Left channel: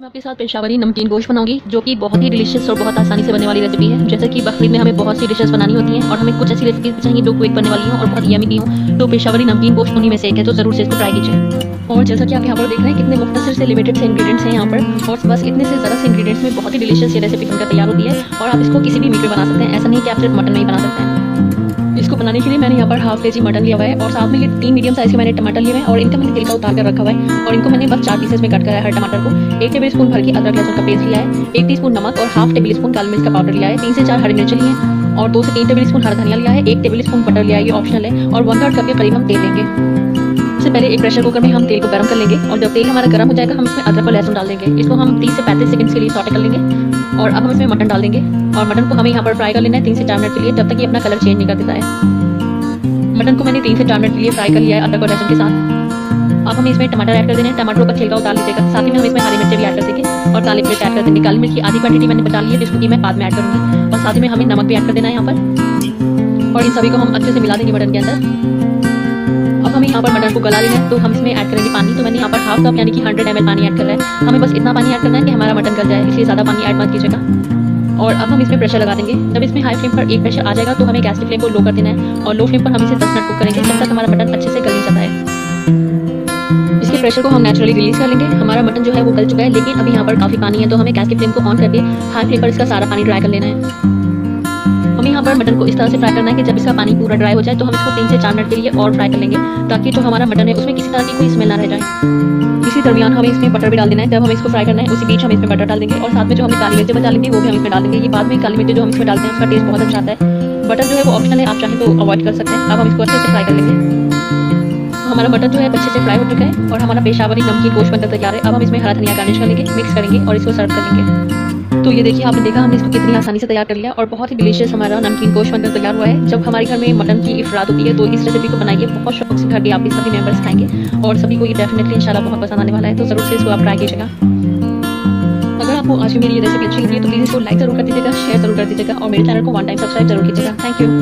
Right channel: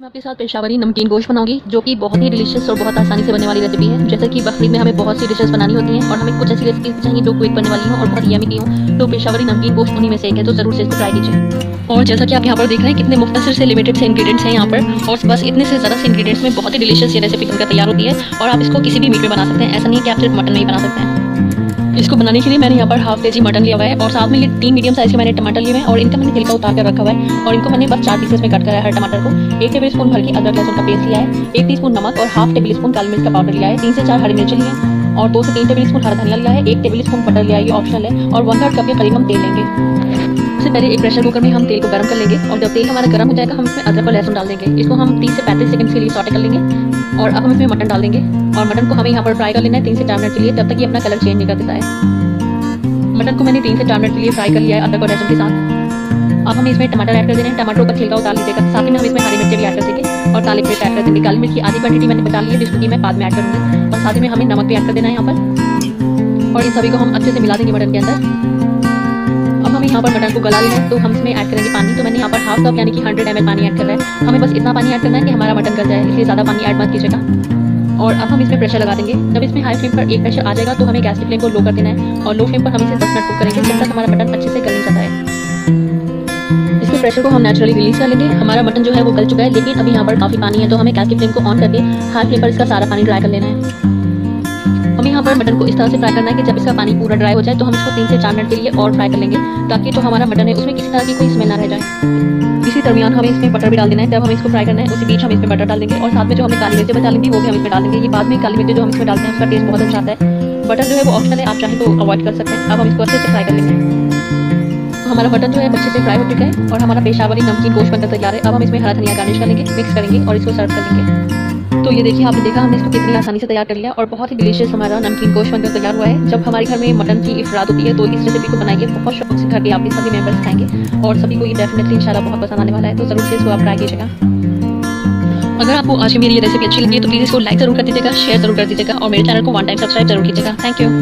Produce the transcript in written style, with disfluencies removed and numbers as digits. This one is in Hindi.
मैं आपके साथ पेशावरी नमकीन गोश्त बनाऊंगी, जो कि बहुत ही डिलीशियस और बहुत आसानी से बनने वाली रेसिपी है। जैसे कि बकरीद में हमें बहुत सी डिशेस बनानी होती हैं और हमें कुछ ऐसी रेसिपीज भी चाहिए जो क्विक बनने वाली हों और बहुत यमी भी हों, तो पेशावरी नमकीन गोश्त उन्हीं में से एक है, तो ज़रूर से इसको ट्राई कीजिए। और जैसा कि आप यहाँ पर देख रहे हैं कितने मुख्तसर से लिमिटेड से इंग्रेडिएंट्स हैं यहाँ पर, और बस इतने से ज़्यादा से इंग्रेडिएंट्स में बहुत ही डिलीशियस ये रेसिपी बनकर तैयार होती है। और आप इसको किसी भी मीट में बना सकते हैं, ऐसा नहीं है कि आप सिर्फ मटन में ही बना सकते हैं। इसको बनाने के लिए मैंने यहाँ पर हाफ केजी मटन लिया हुआ है और साथ में ये 3 मीडियम साइज़ के मैंने टमाटर लिए हुए हैं और इनका मैंने छिलका उतार कर रखा हुआ है और इनको मैंने बस 4 पीसेस में कट करा है हर टमाटर को। 1 टेबल स्पून भर के अदरक लहसुन का पेस्ट लिया है, 1 टीस्पून नमक और हाफ टेबल स्पून काली मिर्च का पाउडर लिया है, 3 से 4 हरी मिर्च लिए हैं और 2 से 3 टेबल स्पून हरा धनिया लिया है, 1 टेबल स्पून बटर लिया है, ये ऑप्शनल है, और 1/3 कप के करीब हम तेल लेंगे। सबसे पहले एक प्रेशर कुकर में हम तेल को गर्म कर लेंगे और जब तेल हमारा गर्म हो जाएगा हम इसमें अदरक और लहसुन डाल देंगे। इसको हम 30 से 35 सेकंड के लिए सॉटे कर लेंगे और अब हम इसमें मटन डाल देंगे और मटन को हमें यहाँ पर फ्राई कर लेना है 3 से 4 मिनट के लिए, जब तक ये अपना कलर चेंज नहीं कर देता है। मटन को मैंने 3 से 4 मिनट के लिए फ्राई कर लिया है अदरक और लहसुन के साथ। अब हमें इसमें टमाटर ऐड कर देने हैं, टमाटरों का छिलका उतार लीजिएगा। साथ ही में हम इसमें हरी मिर्च भी ऐड कर देंगे और काली मिर्च ऐड कर देंगे। काली मिर्च की आधी क्वांटिटी मैंने बचा ली है, जिसको कि मैं बाद में ऐड करूँगी। और साथ ही में हमें नमक भी ऐड कर देना है यहाँ पर और इन सभी को हम अच्छे से मिला देंगे मटन के अंदर। अब हमें यहाँ पर मटन को गला लेना है, तो हम इसमें ऐड करेंगे पानी। तो मैंने यहाँ पर हाफ कप यानी कि 100 ml पानी ऐड कर रहा है। हमें बस इतना पानी ऐड करना है कि हमारा मटन गल जाए, इसलिए ज़्यादा पानी ऐड मत कीजिएगा। और अब हम इसमें प्रेशर लगा देंगे। जब इसमें हाई फ्लेम पर एक प्रेशर आ जाएगा तो हमें गैस की फ्लेम को लो कर देना है और लो फ्लेम पर हम इसे 10 मिनट कुक करेंगे, जब तक हमारा मटन अच्छे से गल नहीं जाता है। इसके प्रेशर को हम नेचुरली रिलीज कर लेंगे। हमारा मटन जो है वो गल चुका है, लेकिन अभी यहाँ पर काफ़ी पानी है, तो हमें गैस की फ्लेम को ऑन करके हाई फ्लेम पर इसका सारा पानी ड्राई कर लेना है। हमें यहाँ पर मटन को इस तरह से फ्राई करना है कि जब इसका पानी पूरा ड्राई हो जाए तो हम इसको 3 से 4 मिनट के लिए और फ्राई कर लेंगे, ताकि जो हमारा मटन है उसमें किसी तरह की कोई स्मेल ना रह जाए। इसी दरमियान हमें इसमें बटर भी डाल देना है। जब हमें इसको फ्राई करना है उसी बीच हम इसमें बटर डाल देंगे और साथ में जो हमने काली मिर्च बचा ली थी वो भी हम इसमें डाल देंगे। ये बाद में काली मिर्च जो हम इसमें डालते हैं उसका टेस्ट बहुत अच्छा आता है। बटर जो है वो ऑप्शनल है, आप चाहें तो अवॉइड कर सकते हैं। अब हम इसको अच्छे से फ्राई कर लेंगे। तो हमारा मटन जो है अच्छे से फ्राई हो चुका है और हमारा पेशावरी नमकीन गोश्त बनकर तैयार है। अब हम इसमें हरा धनिया गार्निश कर लेंगे, मिक्स करेंगे और इसको सर्व कर लेंगे। तो ये देखिए, आपने देखा हमने इसको कितनी आसानी से तैयार कर लिया और बहुत ही डिलीशियस हमारा नमकीन गोश्त बनकर तैयार हुआ है। जब हमारे घर में मटन की इफरात होती है तो इस रेसिपी को बनाइए, बहुत शौक से घर के आपके सभी मेंबर्स खाएंगे और सभी को ये डेफिनेटली इंशाल्लाह बहुत पसंद आने वाला है। तो ज़रूर से इसको आप ट्राई कीजिएगा। अगर आपको आज की मेरी ये रेसिपी अच्छी लगी है तो प्लीज़ इसको लाइक ज़रूर कर दीजिएगा, शेयर ज़रूर कर दीजिएगा और मेरे चैनल को 1 टाइम सब्सक्राइब जरूर कीजिएगा। Thank you.